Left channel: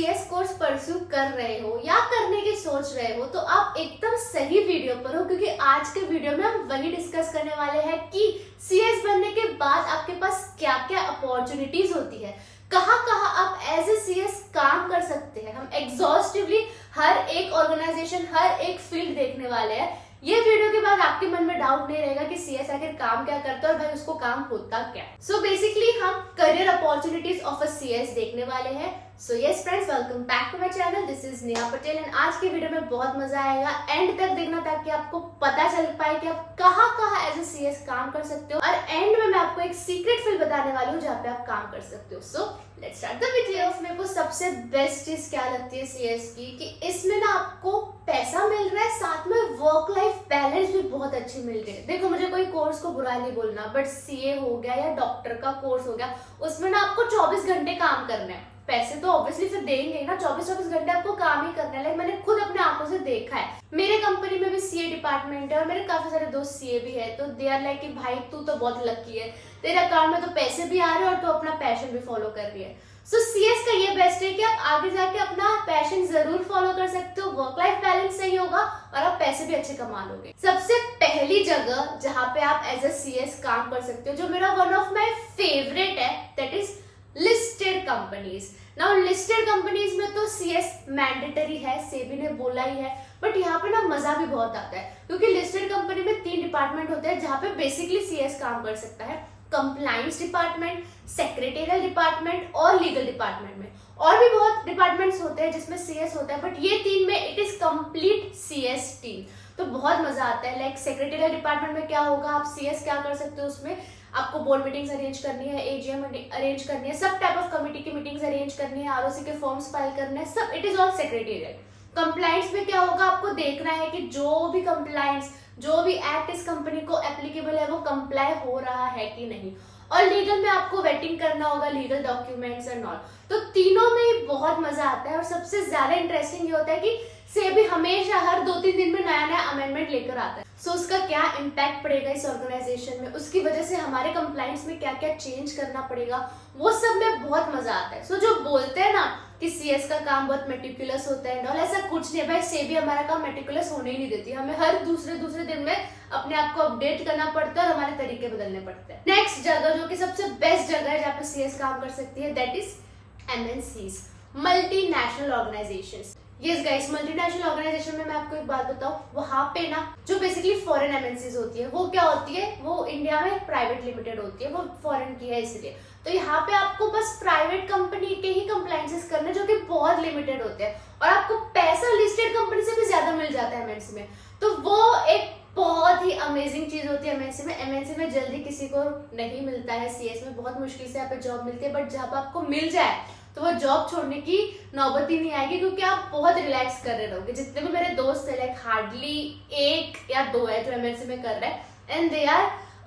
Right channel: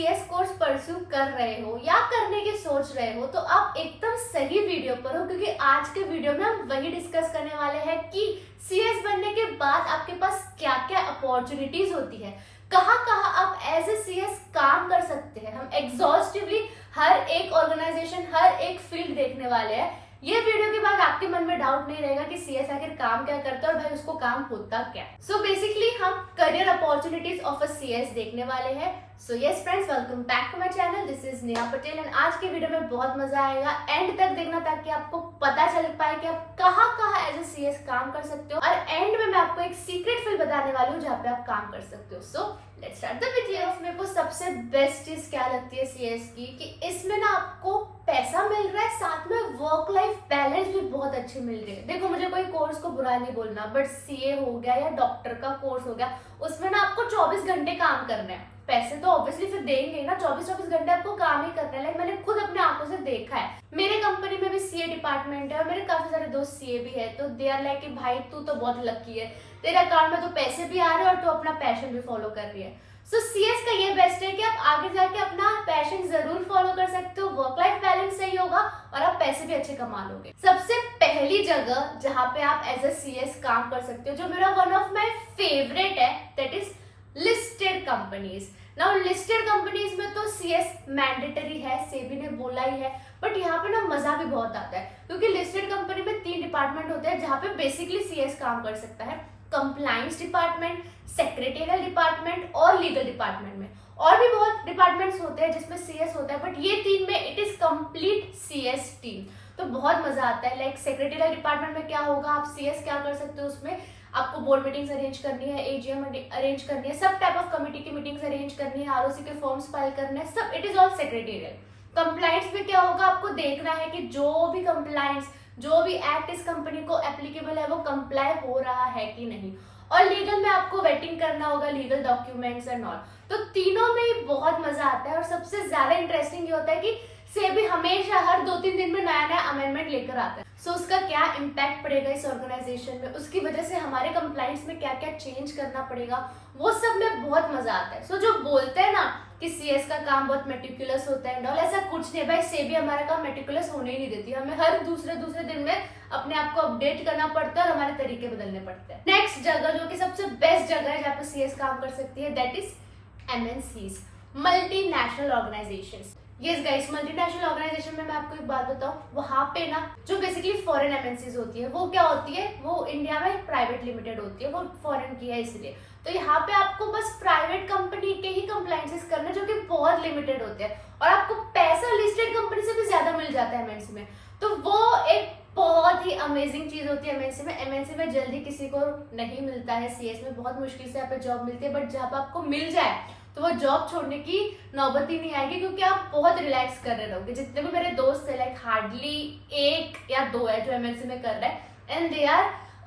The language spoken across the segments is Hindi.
सीएस कोर्स परस्यू कर रहे हो या करने की सोच रहे हो तो आप एकदम सही वीडियो पर हो, क्योंकि आज के वीडियो में हम वही डिस्कस करने वाले हैं कि सीएस बनने के बाद आपके पास क्या क्या अपॉर्चुनिटीज होती है, कहाँ कहाँ आप एज ए सीएस काम कर सकते हैं। हम एग्जॉस्टिवली हर एक ऑर्गेनाइजेशन, हर एक फील्ड देखने वाले हैं। ये वीडियो के बाद आपके मन में डाउट नहीं रहेगा कि सीएस आखिर काम क्या करता है और भाई उसको काम होता क्या है। सो बेसिकली हम career opportunities of a CS देखने वाले हैं। So yes friends, welcome back to my channel. This is Neha Patel and आज के वीडियो में बहुत मजा आएगा। एंड तक देखना ताकि आपको पता चल पाए कि आप कहाँ कहाँ एज ए सीएस काम कर सकते हो, और एंड में मैं आपको एक सीक्रेट फील्ड बताने वाली हूँ जहाँ पे आप काम कर सकते हो। So let's start the video. मेरे को सबसे बेस्ट चीज क्या लगती है सीएस की कि इसमें ना आपको पैसा मिल रहा है, साथ में वर्क लाइफ बैलेंस भी बहुत अच्छी मिल रही है। देखो, मुझे कोई कोर्स को बुरा नहीं बोलना, बट सीए हो गया या डॉक्टर का कोर्स हो गया, उसमें ना आपको 24 घंटे काम करना है। पैसे तो ऑब्वियसली फिर देंगे ना, 24 घंटे आपको काम ही करना है। लाइक मैंने खुद अपने आंखों से देखा है। मेरे कंपनी में भी सीए डिपार्टमेंट है और मेरे काफी सारे दोस्त सीए भी है, तो दे आर लाइक कि भाई तू तो बहुत लकी है, तेरे अकाउंट में तो पैसे भी आ रहे हैं और तू अपना पैशन भी फॉलो कर रही है। सो सीएस का ये बेस्ट है कि आप आगे जाके अपना पैशन जरूर फॉलो कर सकते हो, वर्क लाइफ बैलेंस सही होगा और आप पैसे भी अच्छे कमा लोगे। सबसे पहली जगह जहाँ पे आप एज ए सीएस काम कर सकते हो, जो मेरा वन ऑफ माई फेवरेट है, that is listed companies. Now listed companies में तो सीएस मैंडेटरी है, सेबी ने बोला ही है, बट यहाँ पे ना मजा भी बहुत आता है क्योंकि लिस्टेड कंपनी में 3 डिपार्टमेंट होते हैं जहाँ पे बेसिकली सीएस काम कर सकता है। कंप्लायंस डिपार्टमेंट, सेक्रेटरियल डिपार्टमेंट और लीगल डिपार्टमेंट में। और भी बहुत डिपार्टमेंट्स होते हैं जिसमें सीएस होता है, बट ये 3 में it is complete CS team. तो बहुत मजा आता है। लाइक सेक्रेटरियल डिपार्टमेंट में क्या होगा, आप सीएस क्या कर सकते हो, उसमें आपको बोर्ड मीटिंग्स अरेंज करनी है, एजीएम अरेंज करनी है, सब टाइप ऑफ कमिटी की मीटिंग्स अरेंज करनी है, आरओसी के फॉर्म्स फाइल करने हैं, सब it is all secretarial. Compliance में क्या होगा, आपको देखना है कि जो भी कंप्लायंस, जो भी एक्ट इस कंपनी को एप्लीकेबल है वो कंप्लाई हो रहा है कि नहीं। और लीगल में आपको वेटिंग करना होगा, लीगल डॉक्यूमेंट्स एंड ऑल। तो तीनों में ही बहुत मजा आता है। और सबसे ज्यादा इंटरेस्टिंग ये होता है कि सेबी हमेशा हर 2-3 दिन में नया नया अमेंडमेंट लेकर आता है। सो उसका क्या इम्पैक्ट पड़ेगा इस ऑर्गेनाइजेशन में, उसकी वजह से हमारे कंप्लायंस में क्या क्या चेंज करना पड़ेगा, वो सब में बहुत मजा आता है। सो जो बोलते हैं ना कि सीएस का काम बहुत मेटिकुलस होता है, और ऐसा कुछ नहीं है भाई। सेबी हमारा काम मेटिकुलस होने ही नहीं देती, हमें हर दूसरे दिन में अपने आप को अपडेट करना पड़ता है और हमारे तरीके बदलने पड़ते हैं। नेक्स्ट जगह जो कि सबसे बेस्ट जगह है जहाँ पे सीएस काम कर सकती है, that is MNCs, multinational organizations. Yes guys, multinational organization में मैं आपको एक बात बताऊं, वहां पे ना जो बेसिकली फॉरेन एमएनसीज होती है, वो क्या होती है, वो इंडिया में प्राइवेट लिमिटेड होती है, वो फॉरेन की है इसलिए। तो यहाँ पे आपको बस प्राइवेट कंपनी के ही कंप्लायंसेस करने जो कि बहुत लिमिटेड होते हैं, और आपको पैसा लिस्टेड कंपनी से भी ज्यादा मिल जाता है एमएनसी में। तो वो एक बहुत ही अमेजिंग चीज होती है एमएनसी में। एमएनसी में जल्दी किसी को नहीं मिलता है, सीएस में बहुत मुश्किल से यहाँ पे जॉब मिलती है, बट जब आपको मिल जाए तो वो जॉब छोड़ने की नौबत ही नहीं आएगी, क्योंकि आप बहुत रिलैक्स कर रहे रहोगे। जितने भी मेरे दोस्त है, लाइक हार्डली 1 या 2 है जो एमएनसी में कर रहे हैं, and they are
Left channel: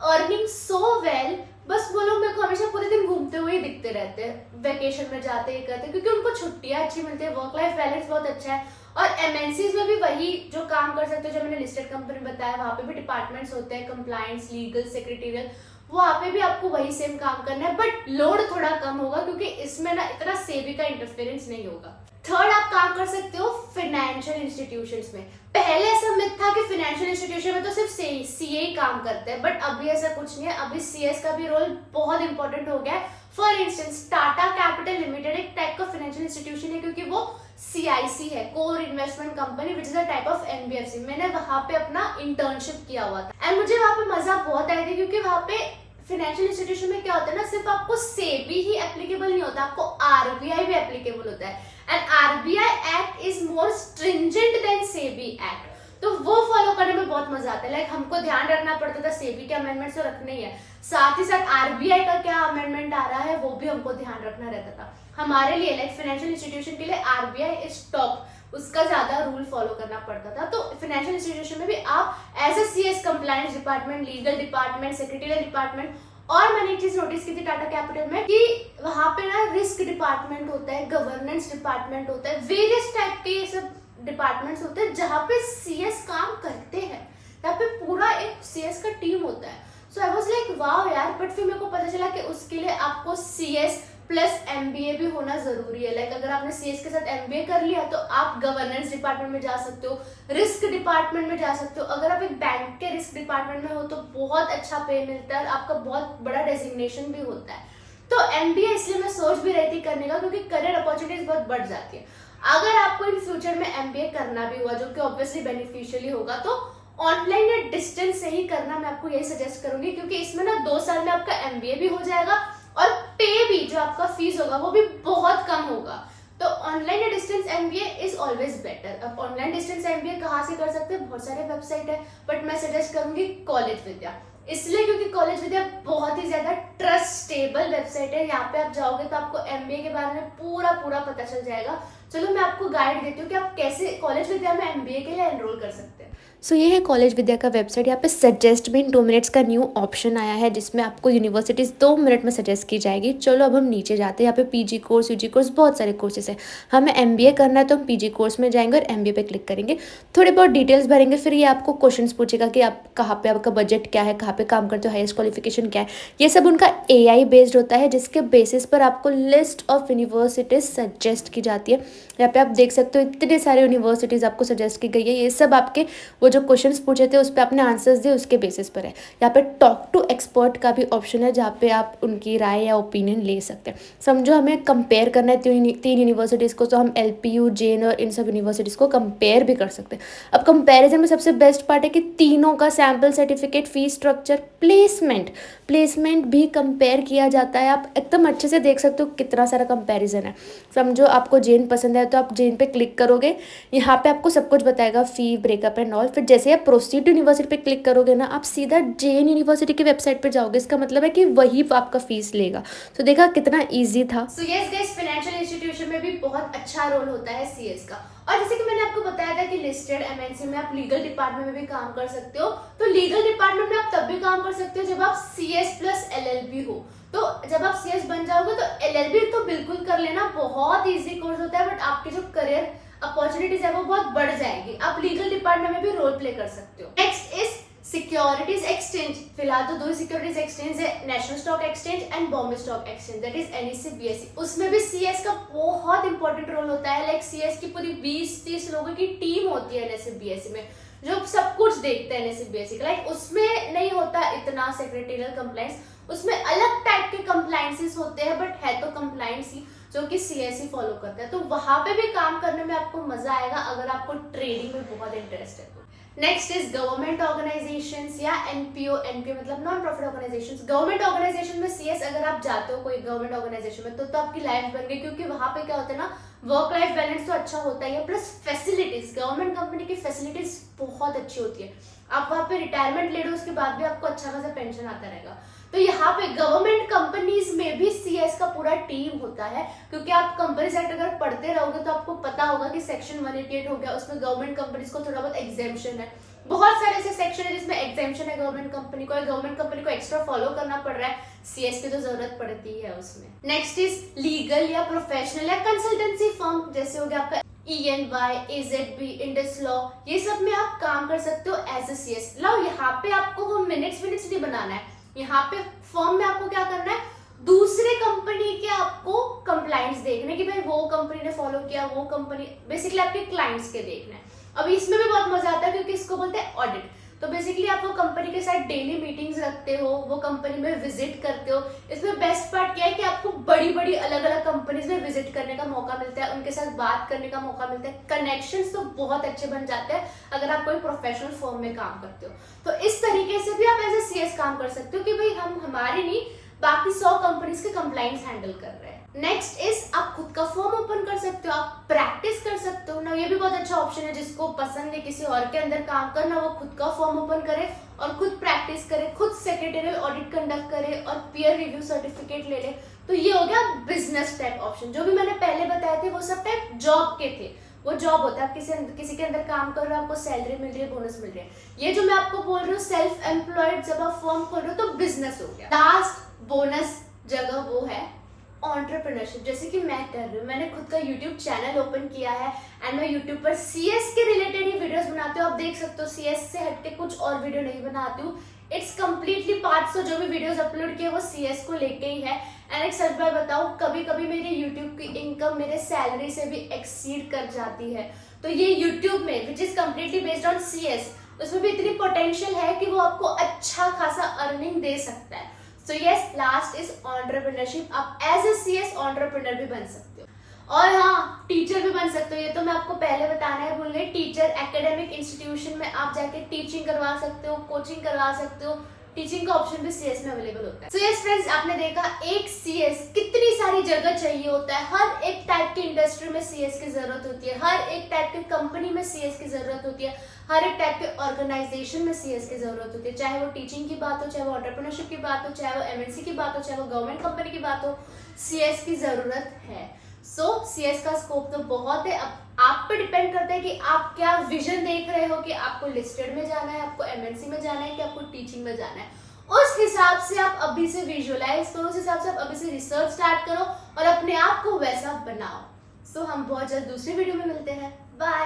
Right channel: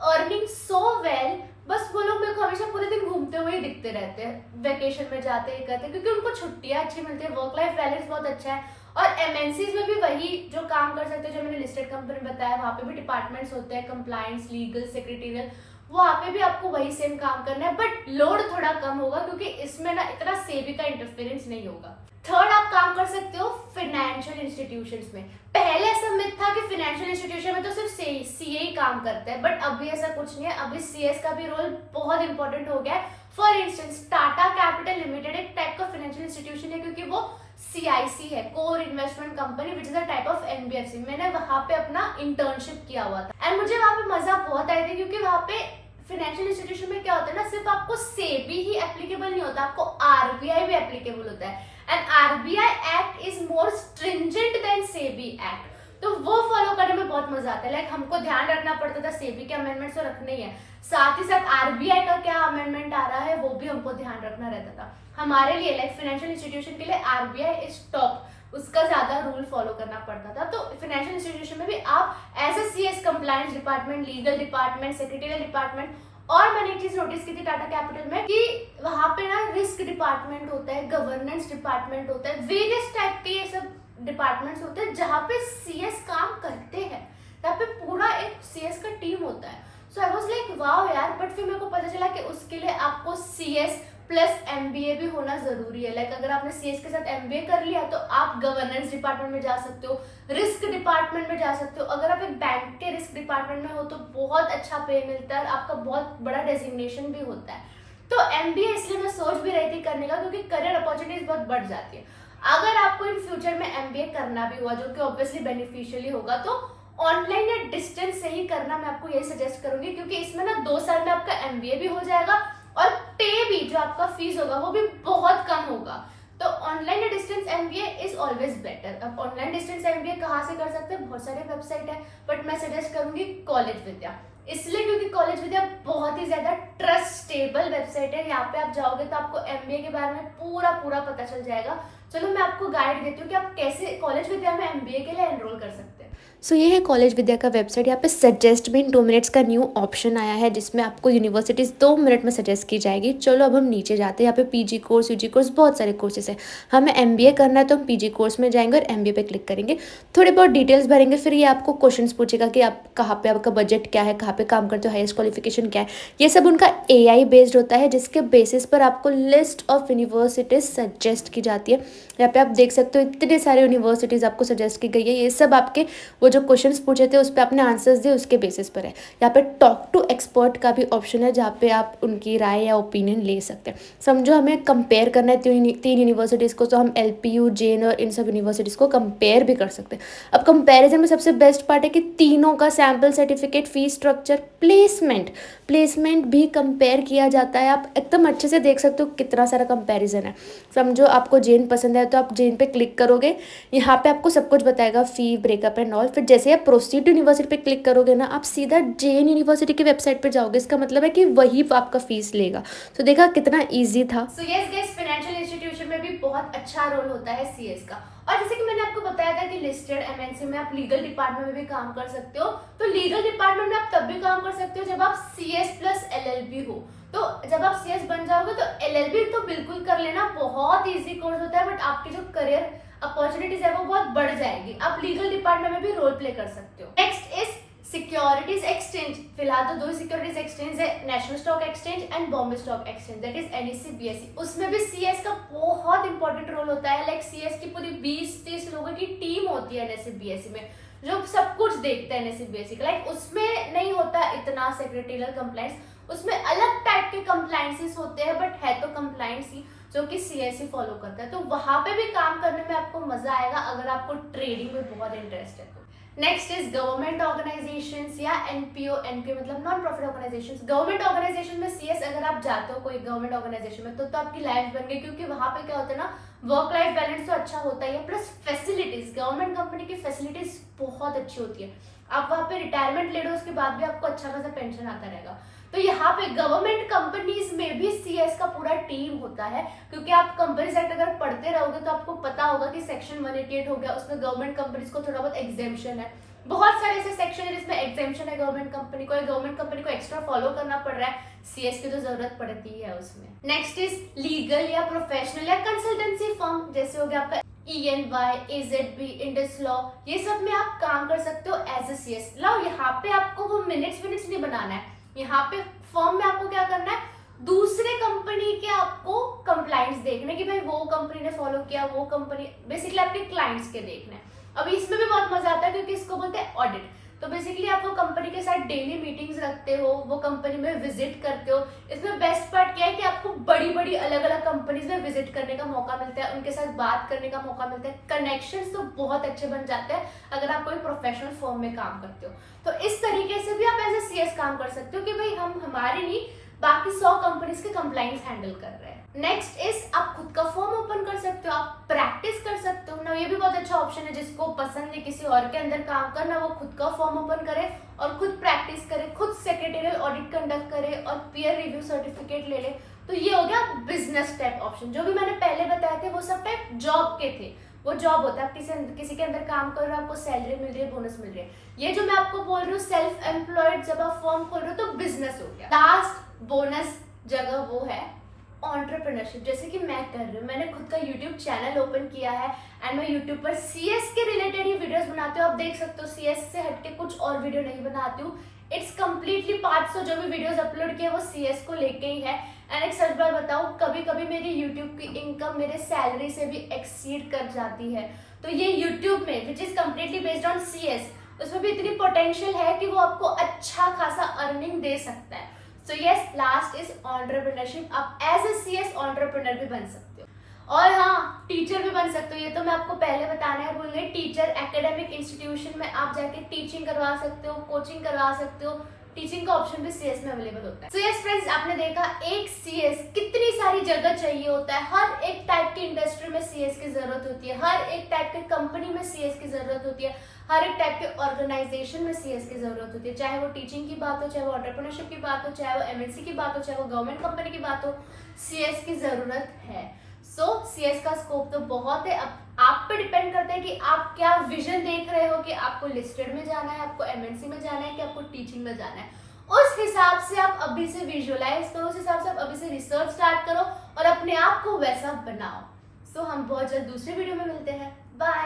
earning so well. बस वो लोग मेरे को हमेशा पूरे दिन घूमते हुए ही दिखते रहते हैं, वेकेशन में जाते ही करते हैं, क्योंकि उनको छुट्टियां अच्छी मिलती है, वर्क लाइफ बैलेंस बहुत अच्छा है। और एमएनसीज में भी वही जो काम कर सकते हो जो मैंने लिस्टेड कंपनी बताया, वहां पे भी डिपार्टमेंट्स होते हैं, कंप्लायंस, लीगल, सेक्रेटरियल, वहां पे भी आपको वही सेम काम करना है, बट लोड थोड़ा कम होगा क्योंकि इसमें ना इतना सेबी का इंटरफेरेंस नहीं होगा। थर्ड, आप काम कर सकते हो फाइनेंशियल इंस्टीट्यूशंस में। पहले ऐसा मिथ था कि फाइनेंशियल इंस्टीट्यूशन में तो सिर्फ सीए ही काम करते हैं, बट अभी ऐसा कुछ नहीं है। अभी सीएस का भी रोल बहुत इंपॉर्टेंट हो गया है। For instance, Tata capital limited एक टाइप का फाइनेंशियल इंस्टीट्यूशन है, क्योंकि वो सीआईसी है, core investment company, which is a type of NBFC. मैंने वहां पे अपना इंटर्नशिप किया हुआ था एंड मुझे वहां पे मजा बहुत आई थी, क्योंकि वहां पे फाइनेंशियल इंस्टीट्यूशन में क्या होता है ना, सिर्फ आपको सेबी ही एप्लीकेबल नहीं होता, आपको आरबीआई भी एप्लीकेबल होता है। And RBI act is more stringent than SEBI act, तो वो फॉलो करने में बहुत मजा आता है। लाइक हमको ध्यान रखना पड़ता था, सेबी के अमेंडमेंट तो रखने ही है, साथ ही साथ आरबीआई का क्या अमेंडमेंट आ रहा है वो भी हमको ध्यान रखना रहता था। हमारे लिए लाइक फाइनेंशियल इंस्टीट्यूशन के लिए आरबीआई इज टॉप, उसका ज्यादा रूल फॉलो करना पड़ता था। तो फाइनेंशियल इंस्टीट्यूशन में भी आप as a CS compliance department, legal department, secretarial department, और मैंने एक चीज नोटिस की थी टाटा कैपिटल में कि वहां पे ना रिस्क डिपार्टमेंट होता है, गवर्नेंस डिपार्टमेंट होता है, वेरियस टाइप के ये सब डिपार्टमेंट्स होते हैं जहाँ पे सीएस काम करते हैं। यहाँ पे पूरा एक सीएस का टीम होता है। सो आई वाज लाइक वाओ यार, बट फिर मेरे को पता चला कि उसके लिए आपको सीएस प्लस एमबीए भी होना जरूरी है। लाइक अगर आपने सीएस के साथ एमबीए कर लिया तो आप गवर्नेंस डिपार्टमेंट में जा सकते हो, रिस्क डिपार्टमेंट में जा सकते हो। अगर आप एक बैंक के रिस्क डिपार्टमेंट में हो तो बहुत अच्छा पे मिलता है, आपका बहुत बड़ा डेजिग्नेशन भी होता है। तो एमबीए इसलिए मैं सोच भी रही थी करने का, क्योंकि करियर अपॉर्चुनिटीज बहुत बढ़ जाती है। अगर आपको इन फ्यूचर में एमबीए करना भी हुआ, जो कि ऑब्वियसली बेनिफिशियली होगा, तो ऑनलाइन या डिस्टेंस से ही करना मैं आपको यही सजेस्ट करूंगी, क्योंकि इसमें ना 2 साल में आपका एमबीए भी हो जाएगा और पे भी, जो आपका फीस होगा वो भी बहुत कम होगा। तो ऑनलाइन या distance MBA is always better. अब ऑनलाइन डिस्टेंस एमबीए कहाँ से कर सकते हैं, बहुत सारे वेबसाइट है, बट मैं सजेस्ट करूंगी कॉलेज विद्या, इसलिए क्योंकि कॉलेज विद्या बहुत ही ज्यादा ट्रस्टेबल वेबसाइट है। यहाँ पे आप जाओगे तो आपको एमबीए के बारे में पूरा पता चल जाएगा। चलो मैं आपको गाइड देती हूँ कि आप कैसे कॉलेज विद्या में एमबीए के लिए एनरोल कर सकते हैं। सो ये है कॉलेज विद्या का वेबसाइट। यहाँ पे सजेस्ट में इन 2 मिनट्स का न्यू ऑप्शन आया है, जिसमें आपको यूनिवर्सिटीज़ 2 मिनट में सजेस्ट की जाएगी। चलो अब हम नीचे जाते हैं। यहाँ पे पीजी कोर्स, यूजी कोर्स, बहुत सारे कोर्सेज है। हमें एमबीए करना है तो हम पीजी कोर्स में जाएंगे और एमबीए पे क्लिक करेंगे, थोड़ी बहुत डिटेल्स भरेंगे, फिर ये आपको क्वेश्चंस पूछेगा कि आप कहाँ पे, आपका बजट क्या है, कहाँ पे काम करते हो, हाईएस्ट क्वालिफिकेशन क्या है। ये सब उनका एआई बेस्ड होता है, जिसके बेसिस पर आपको लिस्ट ऑफ यूनिवर्सिटीज़ सजेस्ट की जाती है। यहाँ पे आप देख सकते हो इतने सारे यूनिवर्सिटीज़ आपको सजेस्ट की गई है। ये सब आपके वो जो क्वेश्चंस पूछे थे उस पर आपने आंसर्स दिए, उसके बेसिस पर है। यहाँ पे टॉक टू एक्सपर्ट का भी ऑप्शन है, जहाँ पे आप उनकी राय या ओपिनियन ले सकते हैं। समझो हमें कंपेयर करना है 3 यूनिवर्सिटीज़ को, तो हम एलपीयू, जेन और इन सब यूनिवर्सिटीज़ को कंपेयर भी कर सकते हैं। अब कंपेरिजन में सबसे बेस्ट पार्ट है कि तीनों का sample certificate, fees structure, placement भी कंपेयर किया जाता है। आप एकदम अच्छे से देख सकते हो कितना सारा कंपेरिजन है। समझो आपको जेन पसंद है तो आप जेन पे क्लिक करोगे, यहाँ पे आपको सब कुछ बताएगा, फी, ब्रेकअप एंड ऑल। फिर जैसे आप प्रोसीड यूनिवर्सिटी पे क्लिक करोगे ना, आप सीधा जेन यूनिवर्सिटी की वेबसाइट पे जाओगे। इसका मतलब है कि वही आपका फीस लेगा। तो देखा कितना ईजी था। So yes guys, financial institution में भी बहुत अच्छा रोल होता है सीएस का। और जैसे कि मैंने आपको बताया था कि लिस्टेड एमएनसी में आप लीगल डिपार्टमेंट में भी काम कर सकते हो। तो लीगल डिपार्टमेंट में आप तब भी काम कर सकते हो जब आप सीएस प्लस एलएलबी हो। तो जब आप सीएस बन जाओगे तो एलएलबी तो बिल्कुल कर लेना, बहुत इजी कोर्स होता है, बट आपकी जो करियर अपॉर्चुनिटीज है वो बहुत बढ़ जाएगी। आप लीगल डिपार्टमेंट में भी रोल प्ले कर सकते हो। Next is securities exchange. फिलहाल तो 2 सिक्योरिटीज एक्सचेंज है, national stock exchange and Bombay stock exchange, that is NSC BSE. उसमें भी सीएस का बहुत इंपॉर्टेंट रोल होता है। लाइक सीएस की पूरी 20-30 लोगों की टीम होती है एनएससी बीएसई में, जो सब कुछ देखते हैं एनएससी बीएसई का। लाइक उसमें नहीं होता इतना सेक्रेटरियल कंप्लायंस, उसमें अलग टाइप के कंप्लायंसेस होते हैं, बट है तो कंप्लायंस ही, जो कि सीएसई फॉलो करता है। तो वहां पे भी काम करने में आपको मजा आएगा अगर आपको ट्रेडिंग में बहुत इंटरेस्ट है। नेक्स्ट इज गवर्नमेंट ऑर्गेनाइजेशंस या एनपीओ मतलब non profit organizations. Government organization में सीएस अगर आप जाते हो कोई गवर्नमेंट ऑर्गेनाइजेशन में, तो आपकी लाइफ बन गई, क्योंकि वहां पे क्या होता है ना, वर्क लाइफ बैलेंस तो अच्छा होता ही है, प्लस फैसिलिटीज, गवर्नमेंट कंपनी की फैसिलिटीज बहुत अच्छी होती है। आप वहां पे रिटायरमेंट ले लो, उसके बाद भी आपको अच्छा खासा पेंशन आता रहेगा। तो यहाँ पे गवर्नमेंट कंपनीज में भी सीएस का पूरा टीम होता है, क्योंकि आप कंपनी सेक्ट अगर पढ़ते रहोगे तो आपको पता होगा कि सेक्शन 188 हो गया, उसमें गवर्नमेंट कंपनीज को थोड़ा बहुत एग्जेम्पशन है। बहुत सारे ऐसे सेक्शन है जिसमें एग्जेम्पशन है गवर्नमेंट कंपनी को, गवर्नमेंट कंपनी को एक्स्ट्रा फॉलो करना पड़ रहा है, सीएस की तो जरूरत पड़ती है उसमें। नेक्स्ट इज लीगल या प्रोफेशनल या कंसल्टेंसी फर्म, जैसे हो गया आपका ENY, AZB, इंडस लॉ, ये सब में आप काम कर सकते हो एज ए सीएस। लो यहाँ पे आपको वो मिनट्स नहीं बनाना है, यहाँ पे फॉर्म में आपको क्या करना है, दूसरे कंपनी के आपको कंप्लाइंस देखने कि भाई वो कंपनी ने फॉलो किया, वो कंपनी बेसिकली आपके क्लाइंट्स के देखना है। अब इसमें भी बहुत मजा आता है, क्योंकि इसको बोलते हैं ऑडिट। तो बेसिकली आप वो कंपनी के साथ डेली मीटिंग्स रखते हो, वो कंपनी में विजिट करते हो। इसमें बेस्ट पार्ट क्या है कि आपको बड़ी बड़ी अलग अलग कंपनीज में विजिट करने का मौका मिलता है, उनके साथ बात करने का मौका मिलता है। कनेक्शंस तो बहुत अच्छे बन जाते हैं अगर आप कोई प्रोफेशनल फर्म में काम करते हो। तो इस तरीके से भी आप एज ए सीएस काम कर सकते हो कि भाई हम हमारी नहीं, बाकी 100 कंपनीज के कंप्लाइंस हैंडल कर रहे हैं। नेक्स्ट इज आप खुद का फॉर्म ओपन कर सकते हो, आप प्रैक्टिस कर सकते हो ना। ये भी बहुत अच्छा ऑप्शन है, जिसको पसंद है किसी और के अंदर काम करना, वो खुद का फॉर्म ओपन करे और खुद प्रैक्टिस करे, खुद सेक्रेटरियल ऑडिट कंडक्ट करे और पीयर रिव्यू सर्टिफिकेट ले ले। तो ये हो गया बिजनेस टाइप ऑप्शन। जो भी मैंने पहले बताए थे वो सब टाइप जॉब के थे, वो जॉब होता है, आप किसी के अंदर काम कर रहे हो, आपको सैलरी मिल रही है, बोनस मिल रही है। ये जो मैं आपको बोल रही हूँ सेल्फ एम्प्लॉयड, जब आप फॉर्म खोल रहे हो तो बिजनेस हो गया। लास्ट बोनस जगह वो है एंटरप्रेन्योरशिप, जैसे कि मैं कर रही हूँ। मैंने खुद का यूट्यूब चैनल ओपन किया है एंड मैं यूट्यूब पर सीएस के रिलेटेड ही वीडियोस बनाती हूँ। आप देख सकते हो, सीएस से हटके कुछ और वीडियो नहीं बनाती हूँ। इट्स कम्प्लीटली 500 जो भी वीडियोस अपलोड किए वो सीएस को लेके ही है। एंड एक सच बात बताऊं, कभी कभी मेरे यूट्यूब की इनकम मेरे सैलरी से भी एक्सीड कर जाती है। तो ये यूट्यूब में which is completely based on CS, उसमें भी इतनी पोटेंशियल है कि वो आपको अच्छा खासा अर्निंग दे सकता है। So yes, last is entrepreneurship. आप एज ए सीएस एंटरप्रेन्योर भी बन सकते हो, और हाँ, टीचर भी बन सकते हो। ये तो मैं आपको पहले बताना है भूल गई। टीचर एकेडमिक इंस्टीट्यूशन में आप जाके टीचिंग करवा सकते हो, कोचिंग करवा सकते हो। टीचिंग का ऑप्शन भी सीएस में अवेलेबल होता है। सो यस फ्रेंड्स, आपने देखा एक सीएस कितनी सारी जगह चाहिए होता है। हर एक टाइप की इंडस्ट्री में सीएस की जरूरत होती है, हर एक टाइप की कंपनी में सीएस की जरूरत होती है, हर एक टाइप के ऑर्गेनाइजेशन में सीएस की जरूरत होती है। चाहे वो टीचिंग की बात हो, चाहे वो एंटरप्रेन्योरशिप की बात हो, चाहे वो एमएनसी की बात हो, चाहे वो गवर्नमेंट कंपनी की बात हो, सीएस की जरूरत है। सो सीएस का स्कोप तो बहुत है। अब आप पे डिपेंड करता है कि आप क्या विजन देख रहे हो, कि आपको लिस्टेड में जाना है, आपको एमएनसी में जाना है, कि आपको टीचिंग में जाना है। उस हिसाब से आप अभी से विजुअलाइज करो, उस हिसाब से आप अभी से रिसर्च स्टार्ट करो और अपने आप को वैसा बनाओ। सो हम बहुत जल्द दूसरी वीडियो में मिलते हैं। बाय।